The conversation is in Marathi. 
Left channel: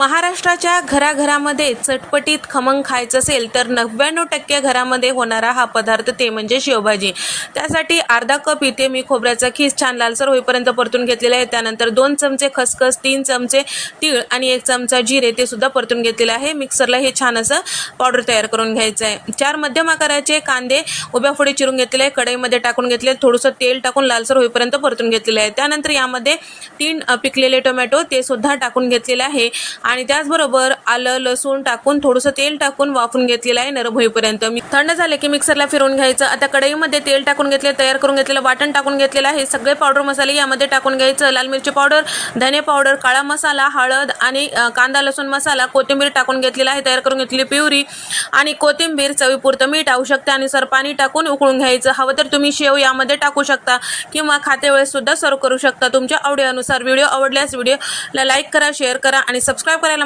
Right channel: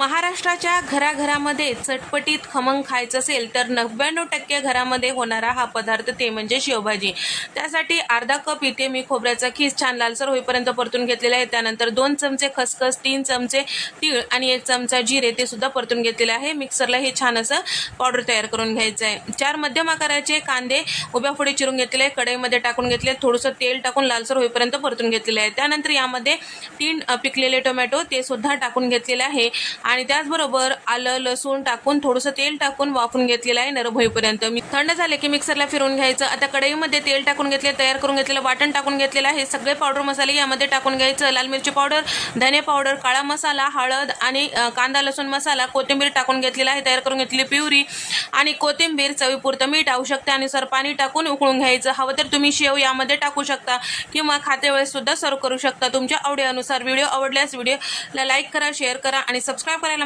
महाराष्ट्राच्या घराघरामध्ये चटपटीत खमंग खायचं असेल तर 99% घरामध्ये होणारा हा पदार्थ ते म्हणजे शेवभाजी। त्यासाठी अर्धा कप इथे मी खोबऱ्याचा खीस छान लालसर होईपर्यंत परतून घेतलेला आहे। त्यानंतर 2 चमचे खसखस, 3 चमचे तीळ आणि 1 चमचा जिरे ते सुद्धा परतून घेतलेले आहे। मिक्सरला हे छान असं पावडर तयार करून घ्यायचं आहे। 4 मध्यम आकाराचे कांदे उभ्या फोडी चिरून घेतलेले आहे, कढईमध्ये टाकून घेतले, थोडंसं तेल टाकून लालसर होईपर्यंत परतून घेतलेले आहे। त्यानंतर यामध्ये 3 पिकलेले टोमॅटो ते सुद्धा टाकून घेतलेले आहे आणि त्याचबरोबर आलं लसूण टाकून थोडंसं तेल टाकून वाफून घेतलेलं आहे नरम होईपर्यंत। थंड झाले की मिक्सरला फिरवून घ्यायचं। आता कढईमध्ये तेल टाकून घेतले, तयार करून घेतलेलं वाटण टाकून घेतलेलं आहे। सगळे पावडर मसाले यामध्ये टाकून घ्यायचं। लाल मिरची पावडर, धने पावडर, काळा मसाला, हळद आणि कांदा लसूण मसाला, कोथिंबीर टाकून घेतलेला आहे, तयार करून घेतलेली प्युरी आणि कोथिंबीर, चवीपुरतं मीठ, आवश्यकतेनुसार पाणी टाकून उकळून घ्यायचं। हवं तर तुम्ही शेव यामध्ये टाकू शकता किंवा खाते वेळेस सुद्धा सर्व करू शकता, तुमच्या आवडीनुसार। व्हिडिओ आवडल्यास व्हिडिओला लाईक करा, शेअर करा आणि सबस्क्राईब करायला